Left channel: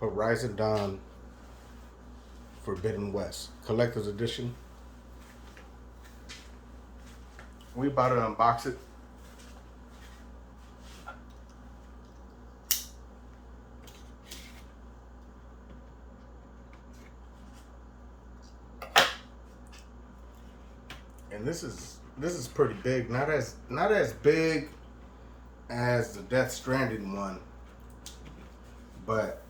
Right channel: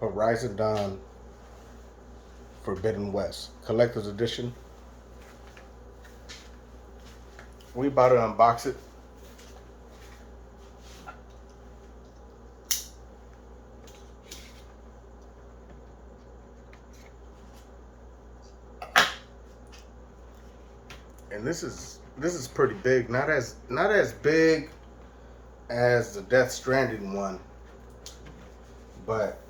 Horizon Dawn Forbidden West Collector's Edition. We about to unbox it. And this is pretty big. Not as big as the Death Stranding one, but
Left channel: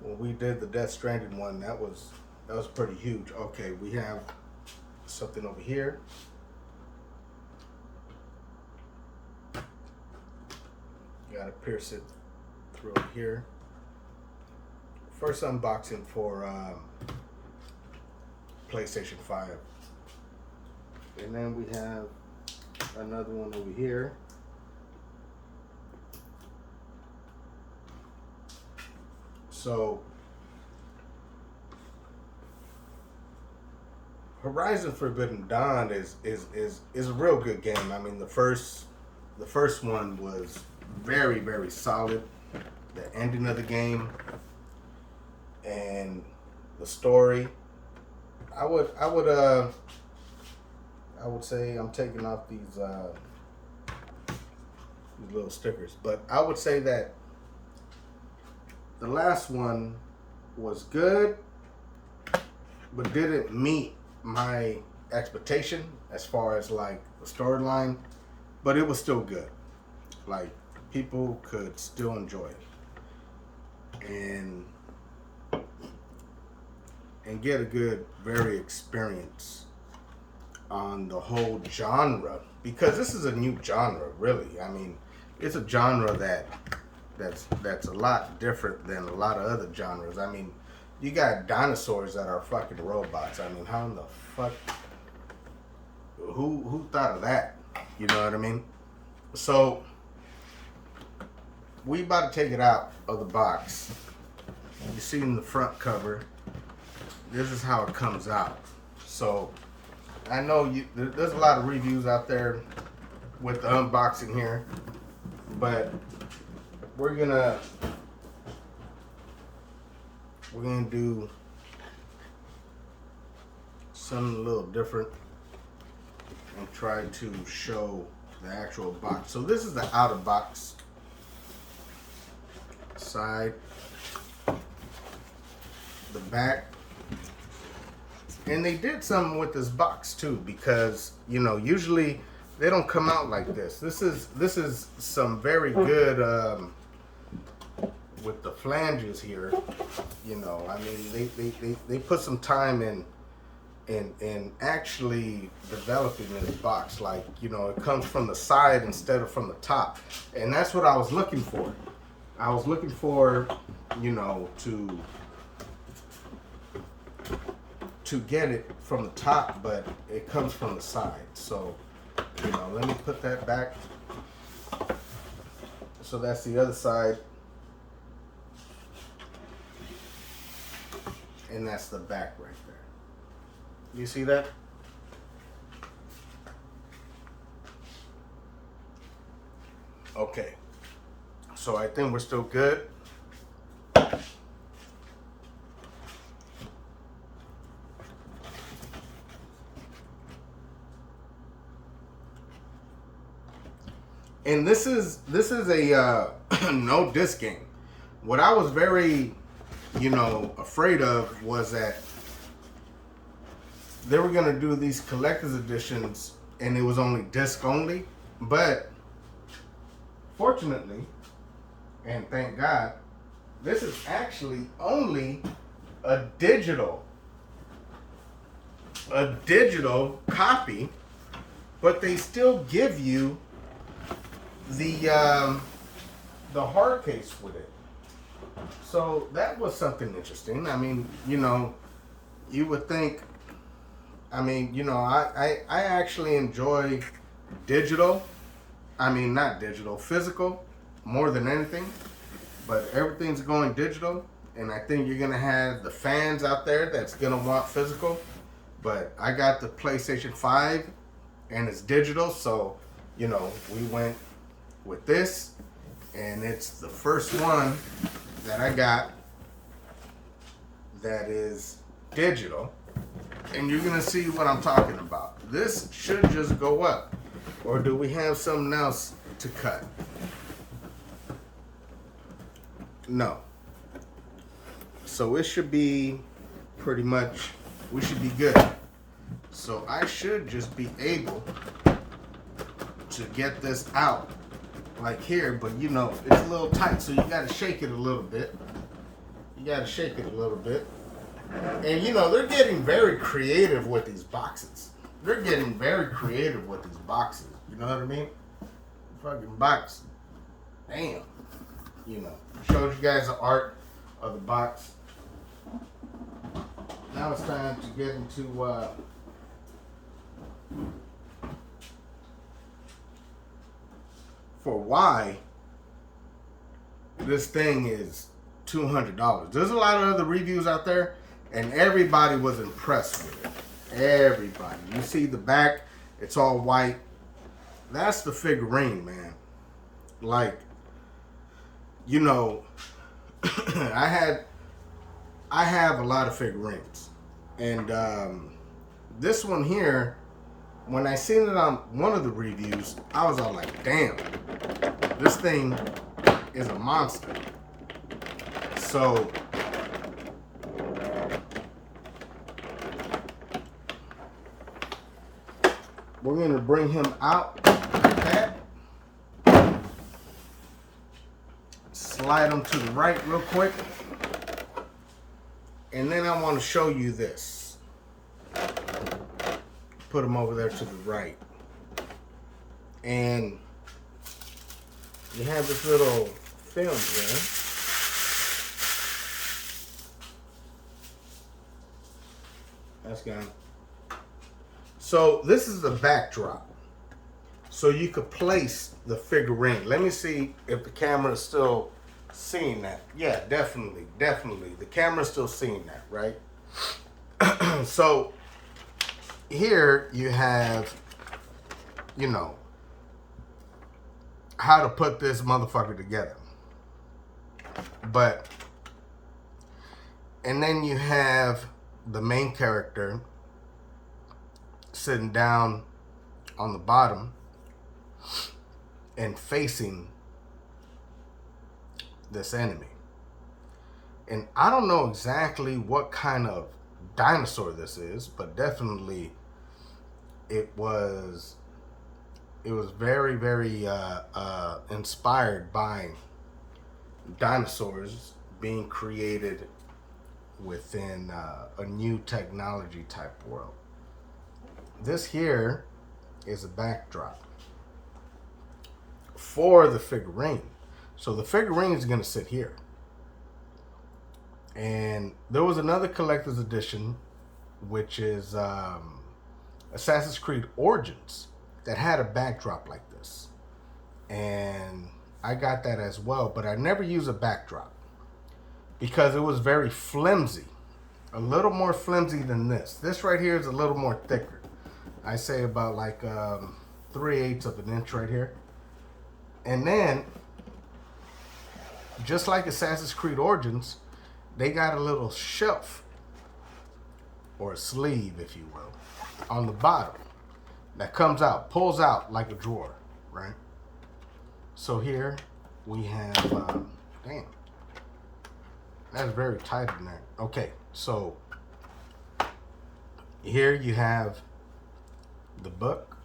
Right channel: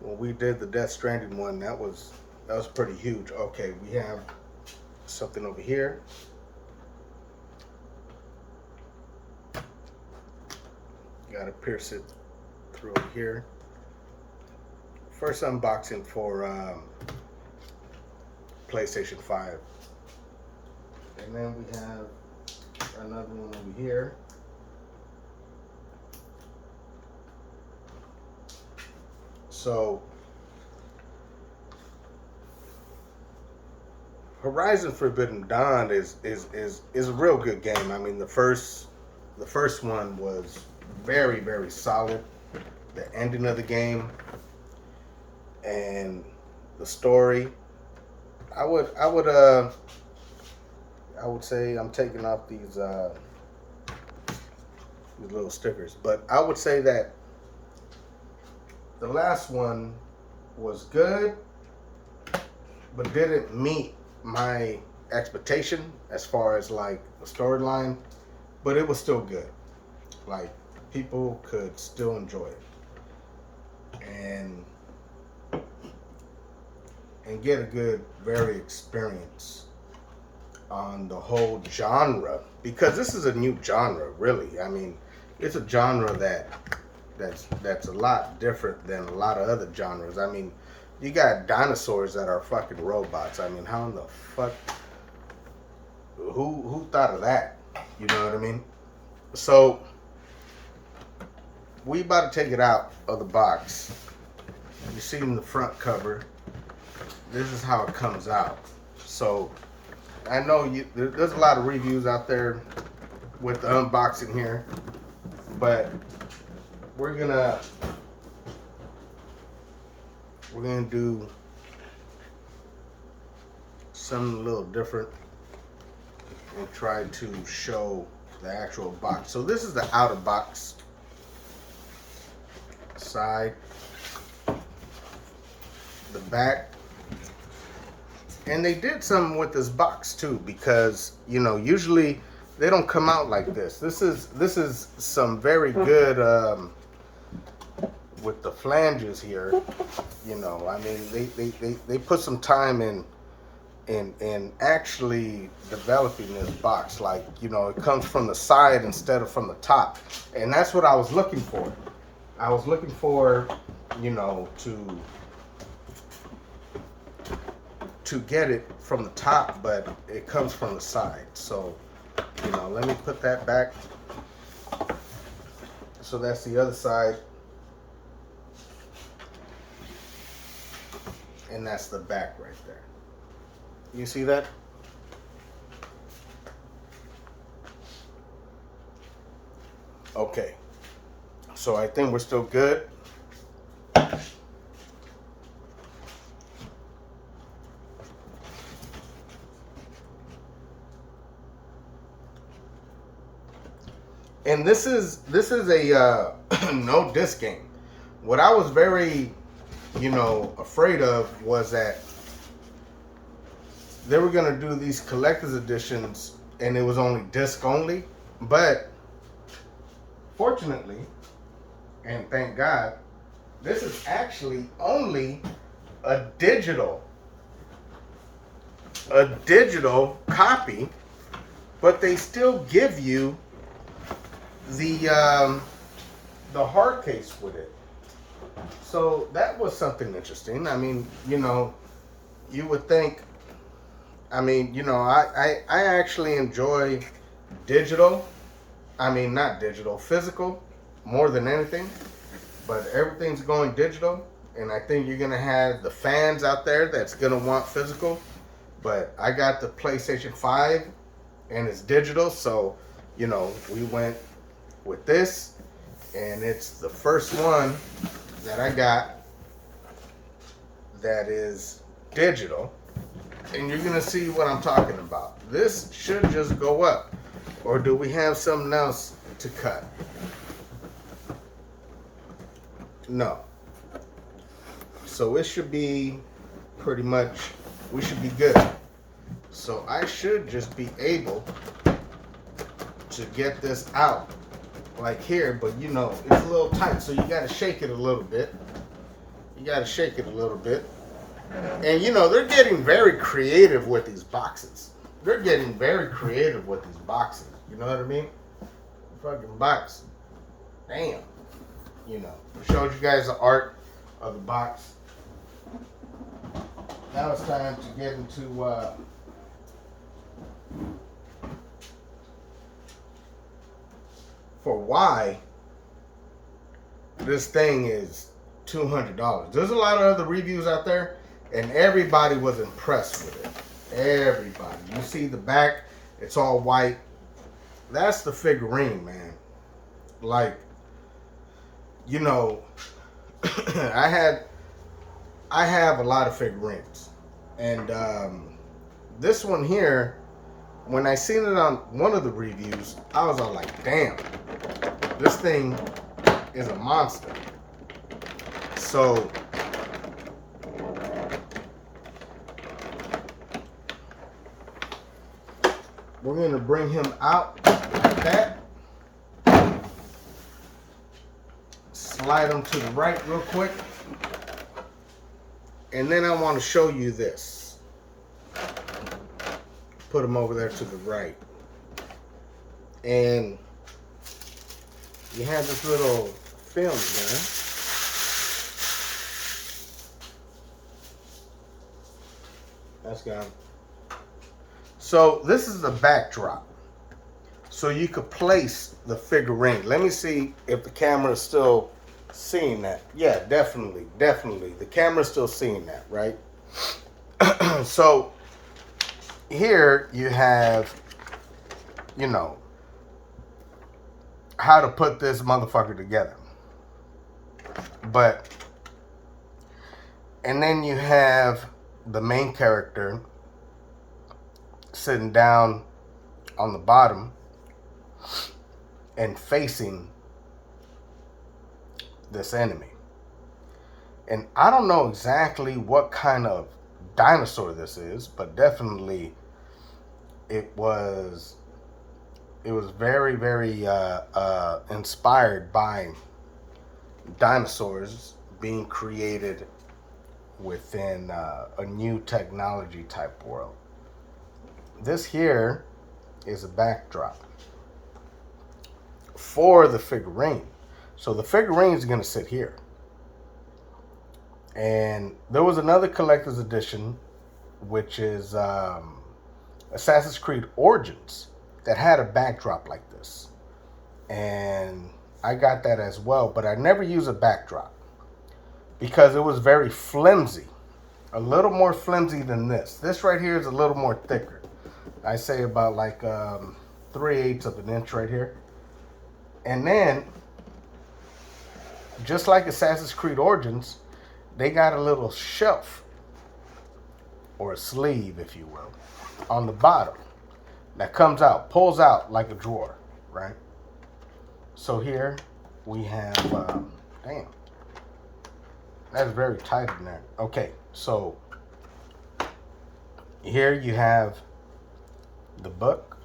when we did the Death Stranding one, that was pretty huge. Okay, we have something over here. Gotta pierce it through here. First unboxing for PlayStation 5. And then we have another one over here. So Horizon Forbidden Dawn is a real good game. I mean, the first one was very, very solid. The ending of the game and the story. I would say I'm taking off these little stickers, but I would say that the last one was good, but didn't meet my expectation as far as like the storyline, but it was still good. Like, people could still enjoy it and get a good, very experience on the whole genre, because this is a new genre, really. I mean, it's a genre that's a lot different than a lot of other genres. I mean, you got dinosaurs that are fucking robots. I mean, how in the fuck? Who thought of that? You know what I mean? So we about to take it out of the box. You see in the front cover, this is how it comes out. So I know there's a lot of reviews out there with the unboxing here, but we're gonna do something a little different and try to show the actual box. So this is the outer box side, the back. And they did something with this box too, because usually they don't come out like this. This is some very good with the flanges here. I mean, they put some time in actually developing this box. Like, it comes from the side instead of from the top, and that's what I was looking for. I was looking for to get it from the top, but it comes from the side. So let me put that back. So that's the other side, and that's the back right there. You see that? Okay, so I think we're still good. And this is a no disc game. What I was very, afraid of was that they were gonna do these collector's editions and it was only disc only. But fortunately, and thank God, this is actually only a digital copy, but they still give you the hard case with it. So that was something interesting. I mean, you would think, I mean, I actually enjoy digital. I mean, not digital, physical, more than anything. But everything's going digital, and I think you're gonna have the fans out there that's gonna want physical. But I got the PlayStation 5, and it's digital, so we went with this, and it's the first one that I got that is digital, and you're gonna see what I'm talking about. This should just go up, or do we have something else to cut? No. So it should be pretty much, we should be good. So I should just be able to get this out like here, but you know, it's a little tight, so you gotta shake it a little bit. You gotta shake it a little bit. And you know, they're getting very creative with these boxes. They're getting very creative with these boxes. You know what I mean? Fucking box. Damn. You know, I showed you guys the art of the box. Now it's time to get into for why this thing is $200. There's a lot of other reviews out there, and everybody was impressed with it. Everybody. You see the back, it's all white. That's the figurine, man. Like, you know, I have a lot of figurines, and this one here, when I seen it on one of the reviews, I was all like, damn, this thing is a monster. So we're going to bring him out like that. Slide him to the right real quick. And then I want to show you this. Put him over there to the right. And you have this little film there. That's gone. So this is the backdrop. So you could place the figurine. Let me see if the camera is still seeing that. Yeah, definitely. The camera's still seeing that, right? So here you have, you know, how to put this motherfucker together. But, and then you have the main character sitting down on the bottom and facing this enemy. And I don't know exactly what kind of dinosaur this is, but definitely it was very, very inspired by dinosaurs being created within a new technology type world. This here is a backdrop for the figurine. So the figurine is going to sit here. And there was another collector's edition, which is Assassin's Creed Origins, that had a backdrop like this. And I got that as well, but I never use a backdrop because it was very flimsy. A little more flimsy than this. This right here is a little more thicker. I say about like 3/8 of an inch right here. And then, just like Assassin's Creed Origins, they got a little shelf, or a sleeve, if you will, on the bottom that comes out, pulls out like a drawer, right? So here we have, damn, that's very tight in there. Okay, so here you have the book.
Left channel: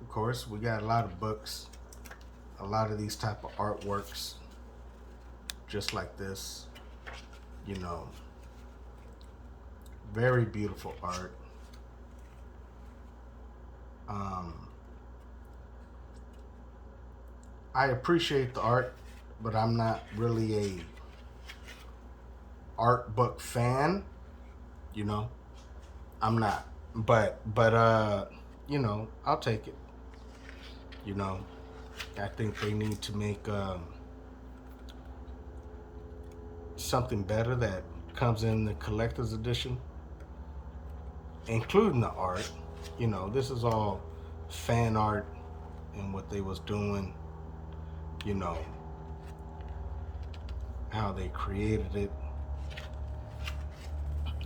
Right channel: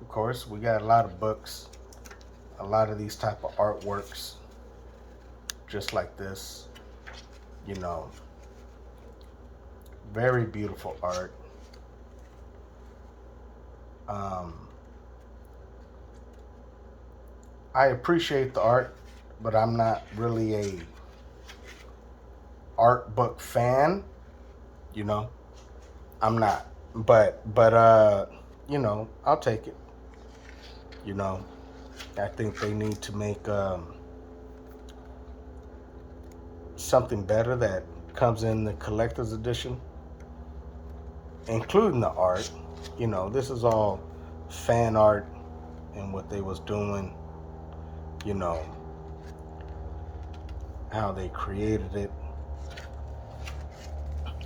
Of course, we got a lot of books, a lot of these type of artworks, just like this, you know, very beautiful art. I appreciate the art, but I'm not really a art book fan, you know. I'm not, but you know, I'll take it. You know, I think they need to make something better that comes in the collector's edition, including the art. You know, this is all fan art and what they was doing, you know. how they created it.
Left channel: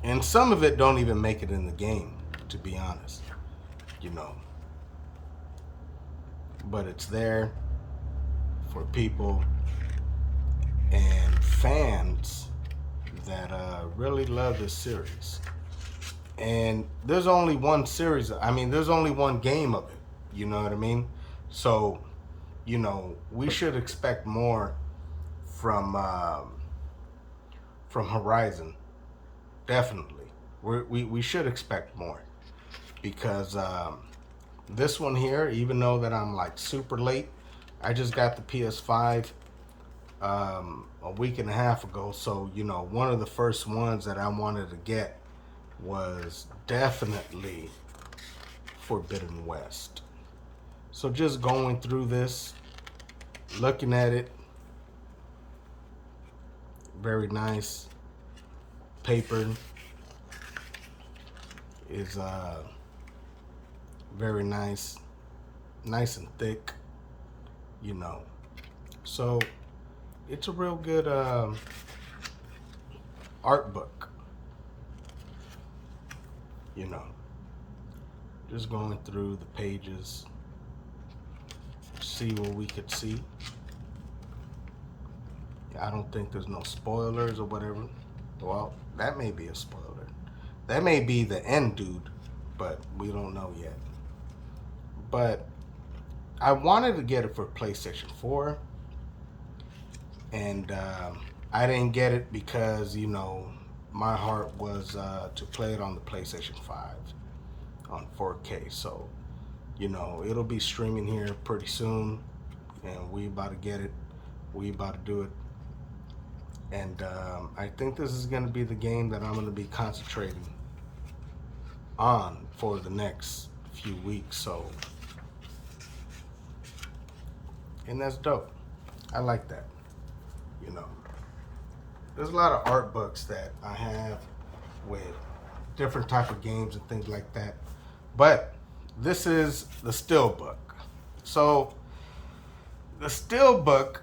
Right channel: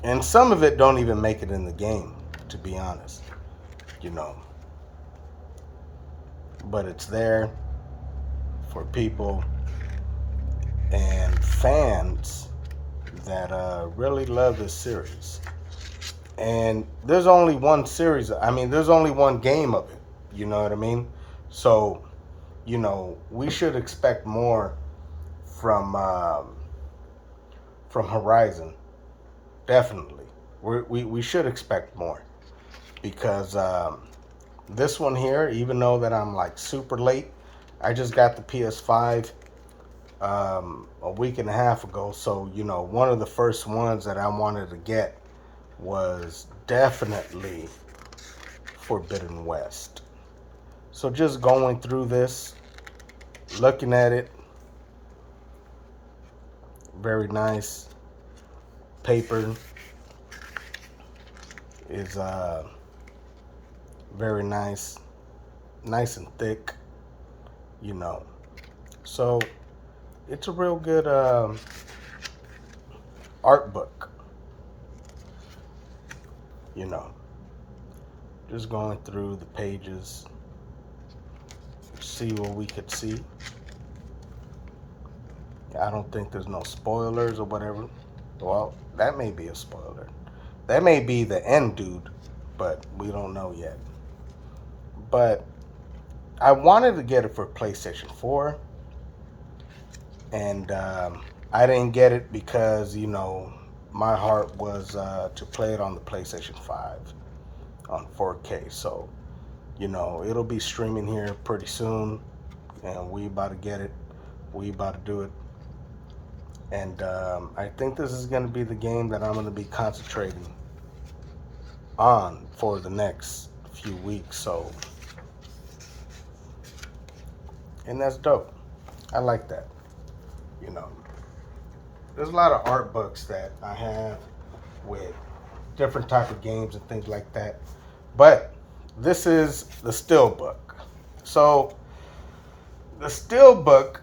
And some of it don't even make it in the game, to be honest, you know. But it's there for people and fans that really love this series. And there's only one series. I mean, there's only one game of it. You know what I mean? So, you know, we should expect more from Horizon. Definitely, we should expect more because this one here, even though that I'm like super late, I just got the PS5 a week and a half ago. So, you know, one of the first ones that I wanted to get was definitely Forbidden West. So just going through this, looking at it, very nice. Paper is very nice, nice and thick, you know. So it's a real good art book, you know. Just going through the pages, see what we could see. I don't think there's no spoilers or whatever. Well, that may be a spoiler. That may be the end dude, but we don't know yet. But I wanted to get it for PlayStation 4, and I didn't get it because, you know, my heart was to play it on the PlayStation 5 on 4K. So, you know, it'll be streaming here pretty soon, and we about to get it. We about to do it. And I think this is going to be the game that I'm going to be concentrating on for the next few weeks. So, and that's dope. I like that. You know, there's a lot of art books that I have with different type of games and things like that. But this is the Steelbook. So the Steelbook,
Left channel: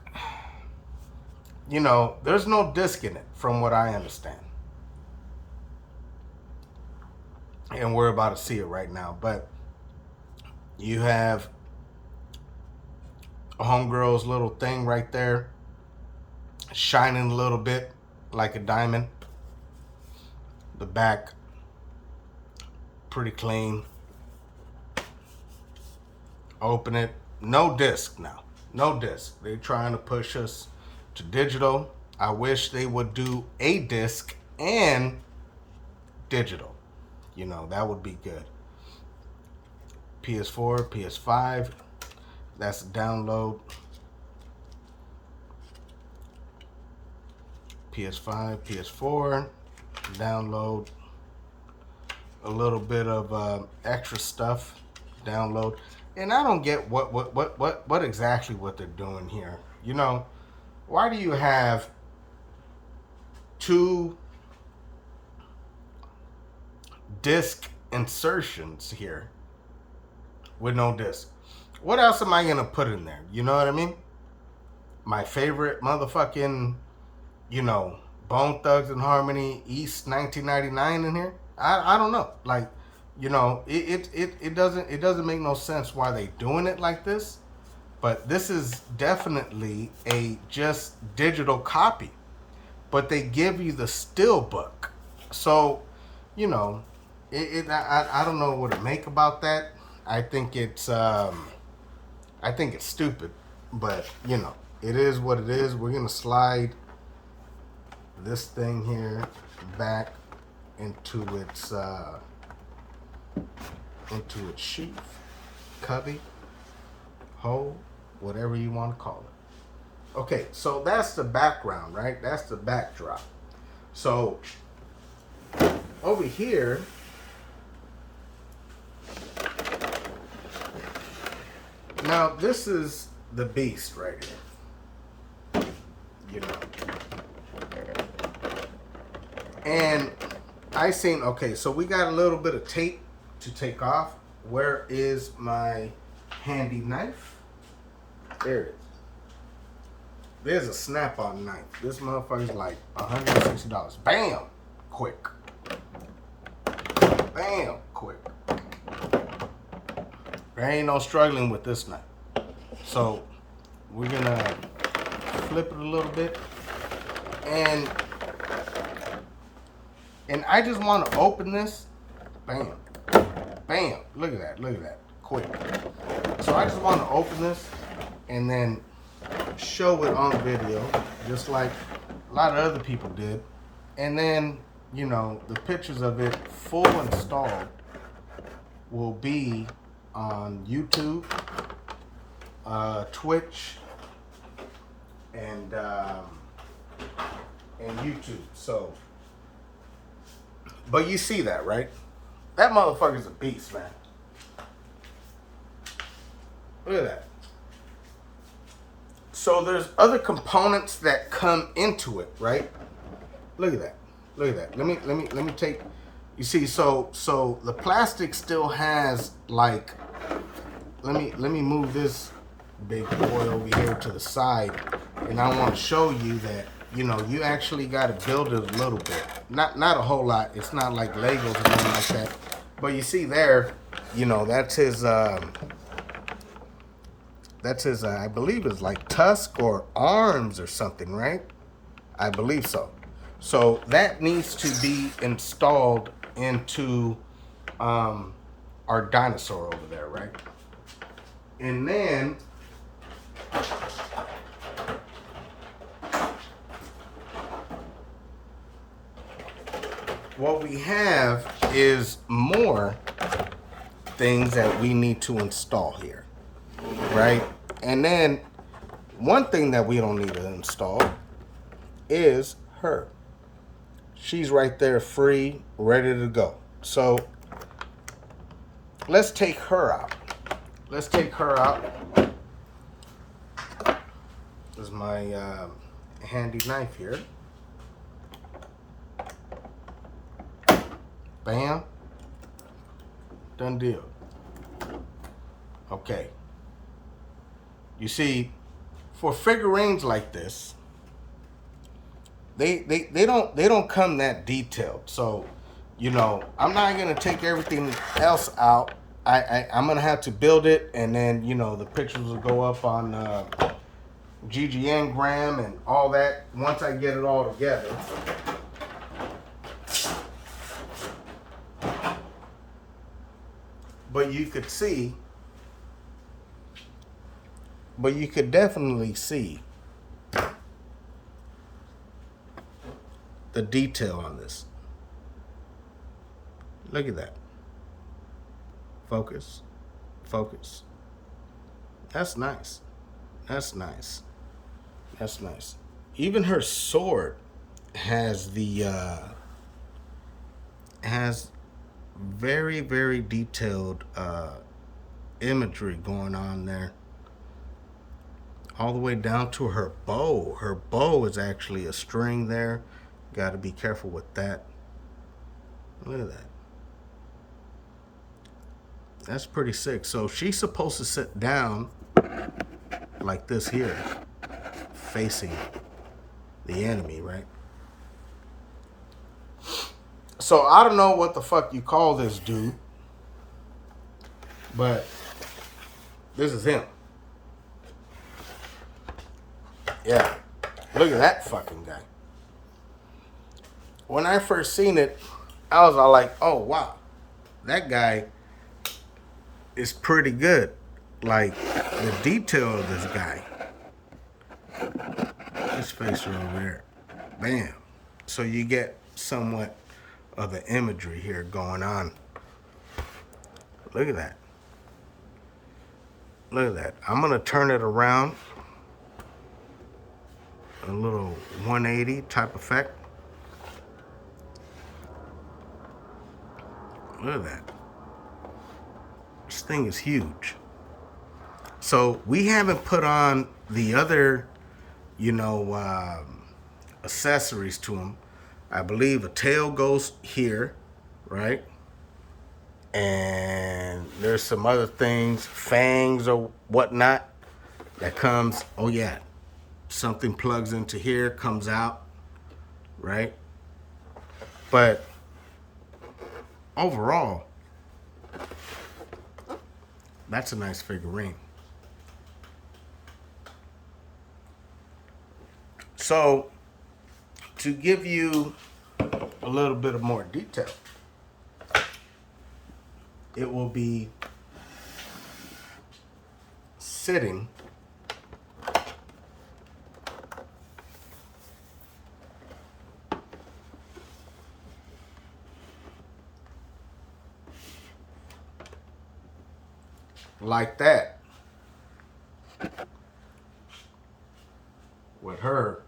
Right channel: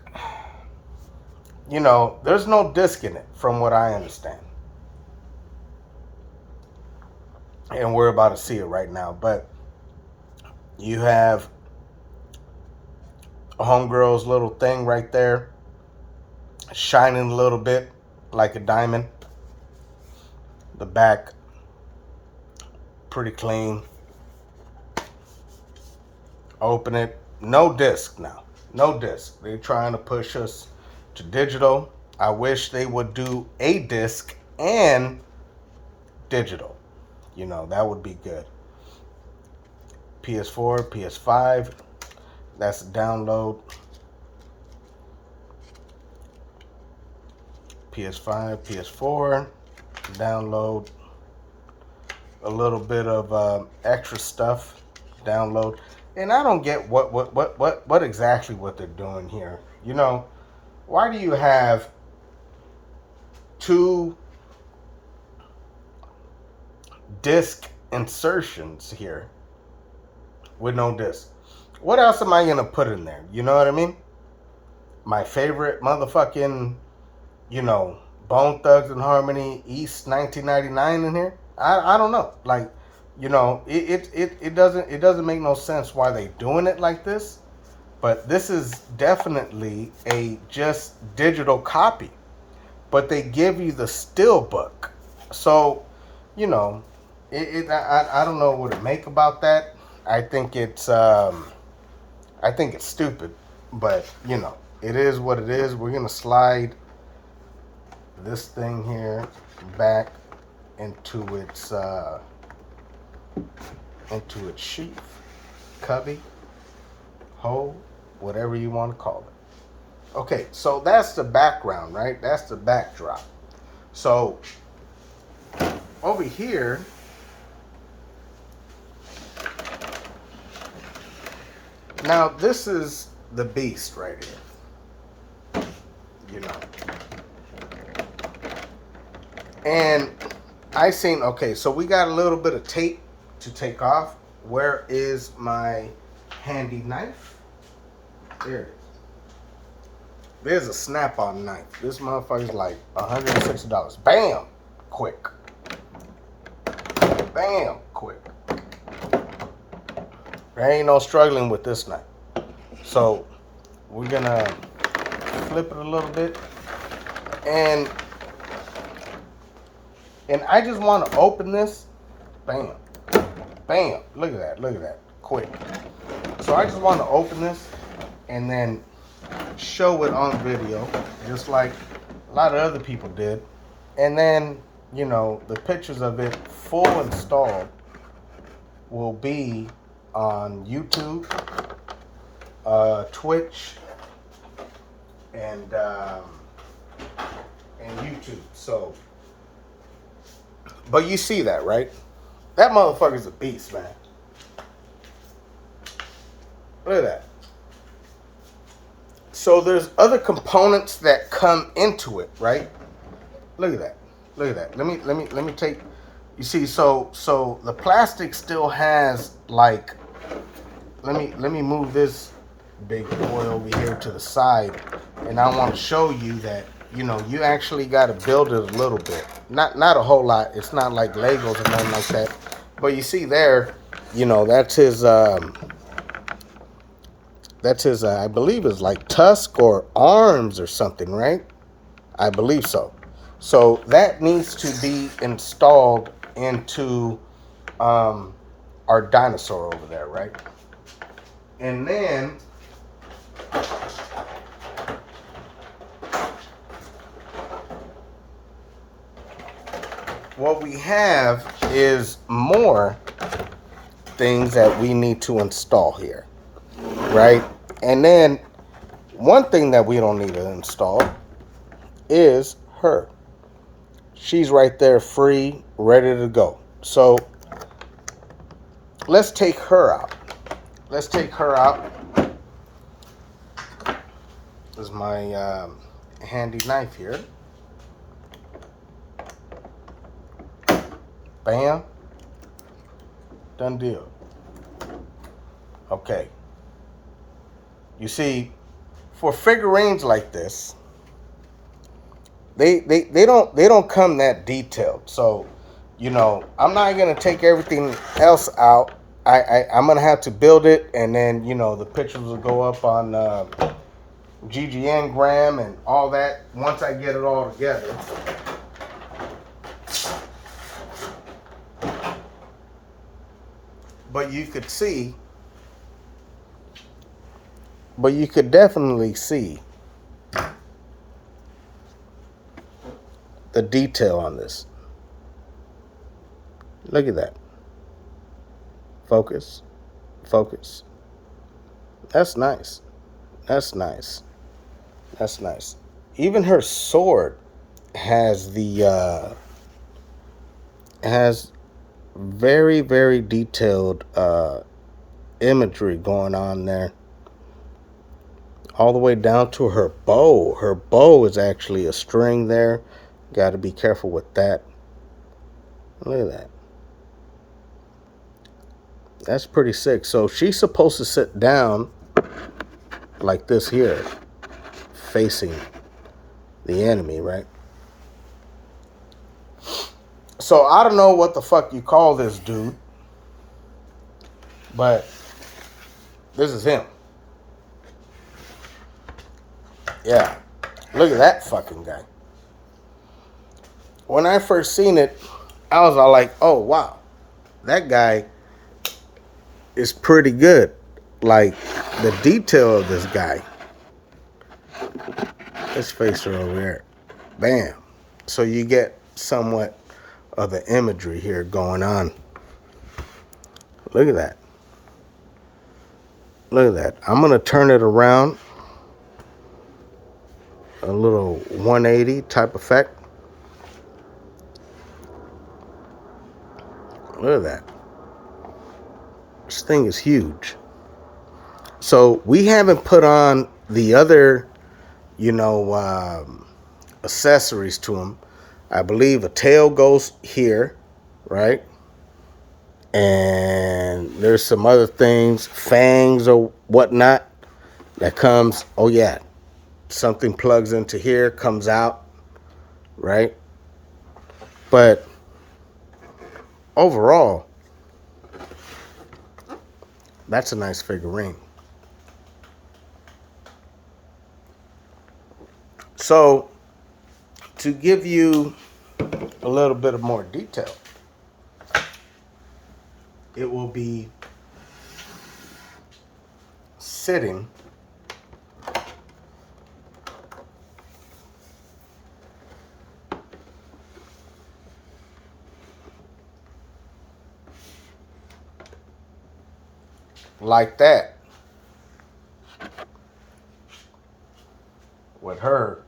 you know, there's no disc in it from what I understand. And we're about to see it right now. But you have a homegirl's little thing right there, shining a little bit like a diamond. The back, pretty clean. Open it. No disc now. No disc. They're trying to push us to digital. I wish they would do a disc and digital. You know, that would be good. PS4, PS5. That's a download. PS5, PS4. Download. A little bit of extra stuff. Download. And I don't get what exactly what they're doing here. You know, why do you have two disc insertions here with no disc? What else am I gonna put in there? You know what I mean? My favorite motherfucking, you know, Bone Thugs and Harmony East 1999 in here? I don't know. Like, you know, it doesn't make no sense why they doing it like this. But this is definitely a just digital copy. But they give you the Steelbook. So, you know, I don't know what to make about that. I think it's stupid. But, you know, it is what it is. We're gonna slide this thing here back into its sheath, cubby, hole, whatever you want to call it. Okay, so that's the background, right? That's the backdrop. So over here, now this is the beast right here. You know. And I seen, okay, so we got a little bit of tape to take off. Where is my handy knife? There it is. There's a Snap-on knife. This motherfucker's like $160. Bam! Quick. Bam! Quick. There ain't no struggling with this knife. So we're gonna flip it a little bit, and I just want to open this. Bam, bam. Look at that. Look at that. Quick. So I just want to open this and then show it on video, just like a lot of other people did, and then the pictures of it full installed will be on YouTube, Twitch, and YouTube. So, but you see that, right? That motherfucker's a beast, man. Look at that. So there's other components that come into it, right? Look at that. Look at that. Let me take. You see, so the plastic still has like. Let me move this big boy over here to the side, and I want to show you that you actually got to build it a little bit, not a whole lot. It's not like Legos or nothing like that, but you see there, that's his I believe it's like tusk or arms or something, right? I believe so. So that needs to be installed into our dinosaur over there, right? And then what we have is more things that we need to install here, right? And then one thing that we don't need to install is her. She's right there, free, ready to go. So let's take her out. Let's take her out. This is my handy knife here. Bam. Done deal. Okay. You see, for figurines like this, they don't come that detailed. So, I'm not gonna take everything else out. I'm gonna have to build it, and then the pictures will go up on GGN and all that once I get it all together. But you could definitely see the detail on this. Look at that. Focus. That's nice. That's nice. Even her sword has has very, very detailed imagery going on there. All the way down to her bow. Her bow is actually a string there. Got to be careful with that. Look at that. That's pretty sick. So she's supposed to sit down like this here, facing the enemy, right? So I don't know what the fuck you call this dude, but this is him. Yeah, look at that fucking guy. When I first seen it, I was all like, oh wow, that guy is pretty good. Like, the detail of this guy. His face are over there. Bam. So you get somewhat of the imagery here going on. Look at that. Look at that. I'm going to turn it around. A little 180 type effect. Look at that. This thing is huge. So we haven't put on the other, accessories to him. I believe a tail goes here, right? And there's some other things, fangs or whatnot, that comes. Oh yeah, something plugs into here, comes out, right? But overall, that's a nice figurine. So, to give you a little bit of more detail, it will be sitting like that with her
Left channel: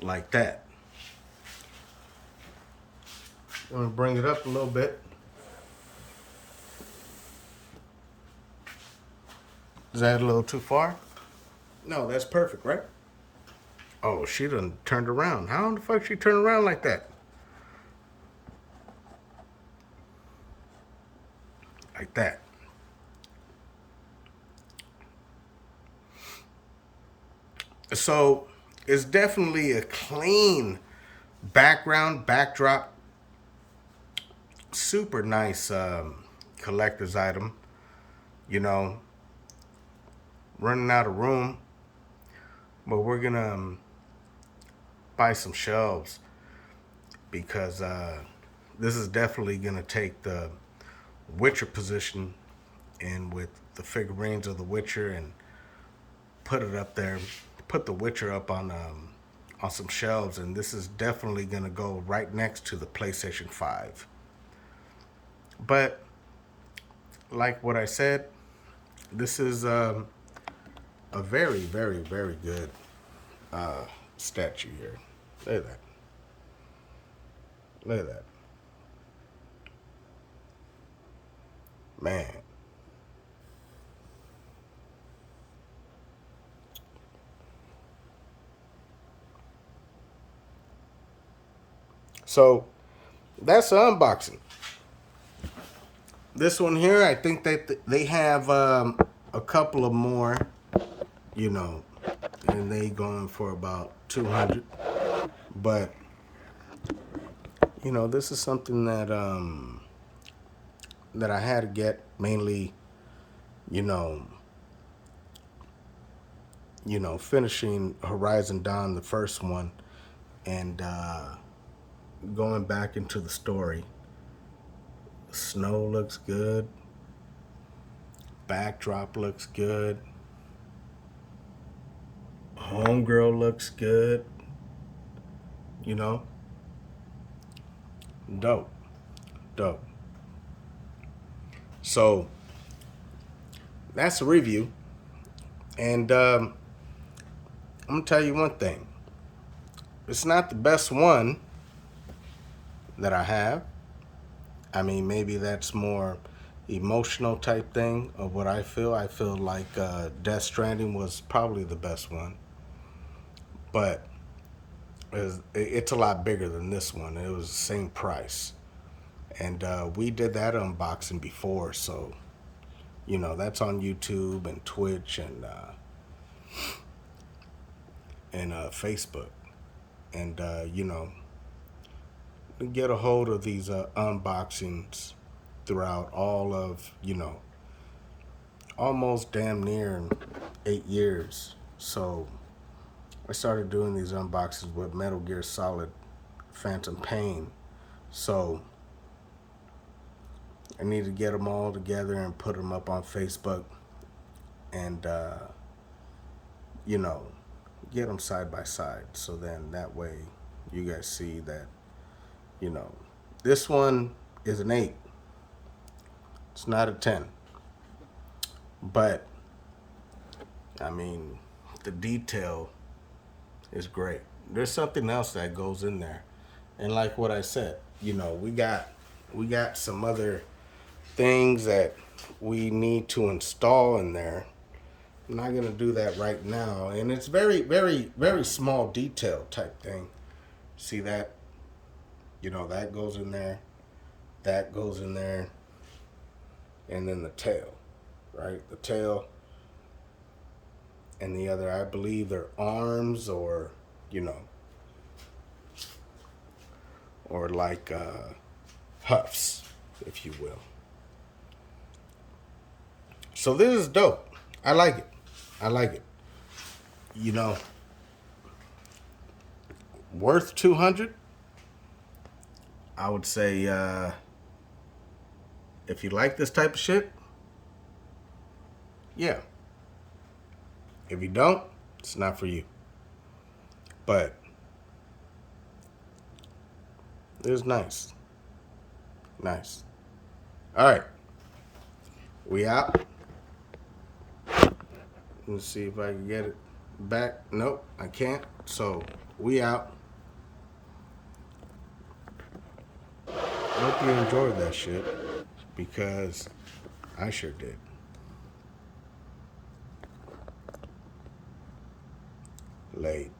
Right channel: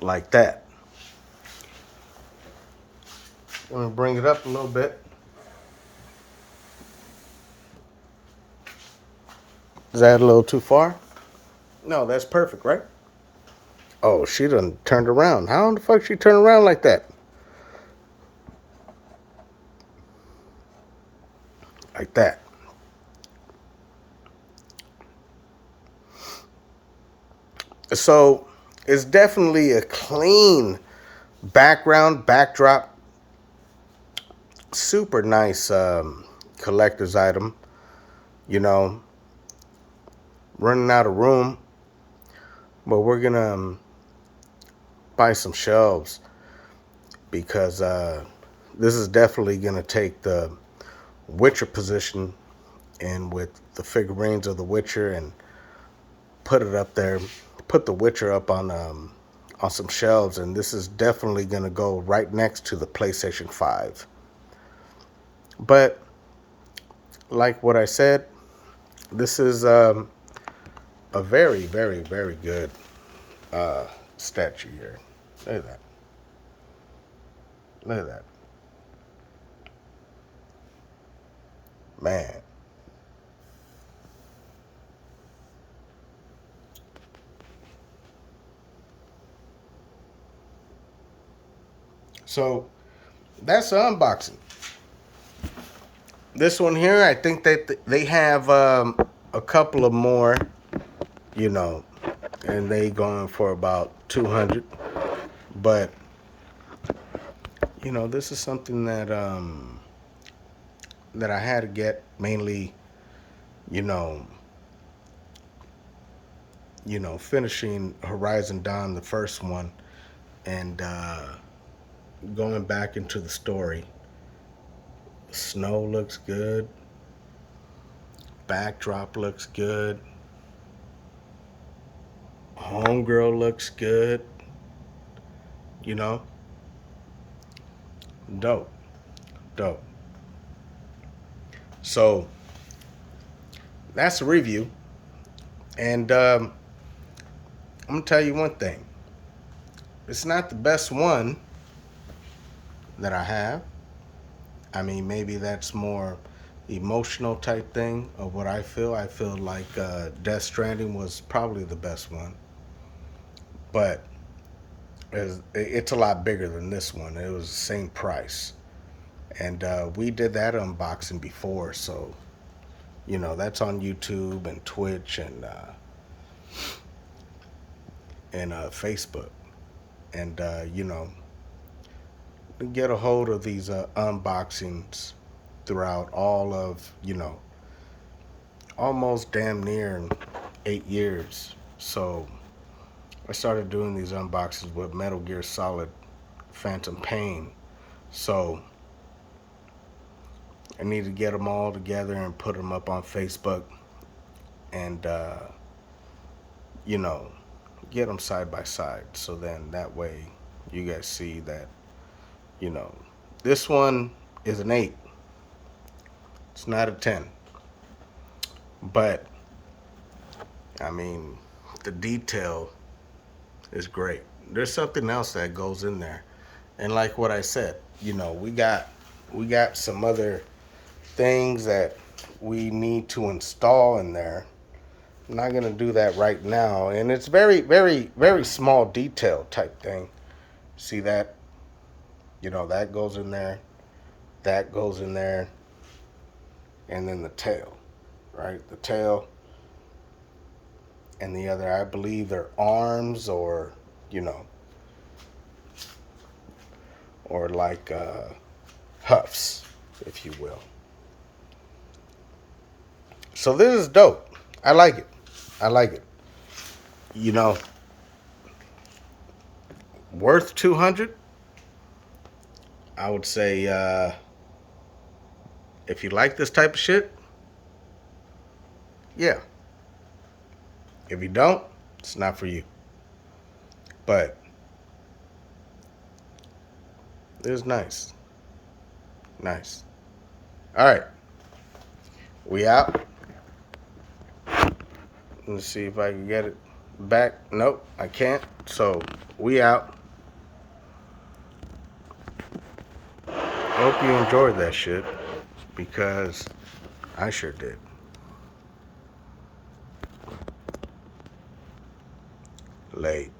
like that. I'm going to bring it up a little bit. Is that a little too far? No, that's perfect, right? Oh, she done turned around. How in the fuck she turn around like that? Like that. So it's definitely a clean background, backdrop. Super nice collector's item. You know, running out of room, but we're going to buy some shelves because this is definitely going to take the Witcher position and with the figurines of the Witcher and put it up there, put the Witcher up on some shelves, and this is definitely going to go right next to the PlayStation 5. But like what I said, this is a very, very, very good statue here. Look at that. Look at that. Man. So that's the unboxing. This one here, I think that they have a couple of more, you know, and they going for about 200. But you know, this is something that that I had to get mainly, you know, finishing Horizon Dawn, the first one, and going back into the story. Snow looks good. Backdrop looks good. Homegirl looks good. You know? Dope. Dope. So, that's a review. And I'm going to tell you one thing. It's not the best one that I have. I mean, maybe that's more emotional type thing of what I feel. I feel like Death Stranding was probably the best one. But it's a lot bigger than this one. It was the same price. And we did that unboxing before, so, you know, that's on YouTube and Twitch and Facebook. And, you know, get a hold of these unboxings throughout all of, you know, almost damn near 8 years. So I started doing these unboxings with Metal Gear Solid Phantom Pain. So I need to get them all together and put them up on Facebook and, you know, get them side by side. So then that way you guys see that, you know, this one is an 8. It's not a 10. But, I mean, the detail is great. There's something else that goes in there. And like what I said, you know, we got some other things that we need to install in there. I'm not going to do that right now. And it's very, very, very small detail type thing. See that? You know, that goes in there. that goes in there, and then the tail, right? The tail and the other, I believe they're arms, or, you know, or like huffs, if you will. So this is dope. I like it. I like it. You know, worth 200. I would say if you like this type of shit, yeah. If you don't, it's not for you. But it was nice. Nice. All right. We out. Let's see if I can get it back. Nope, I can't. So we out. Hope you enjoyed that shit, because I sure did. Late.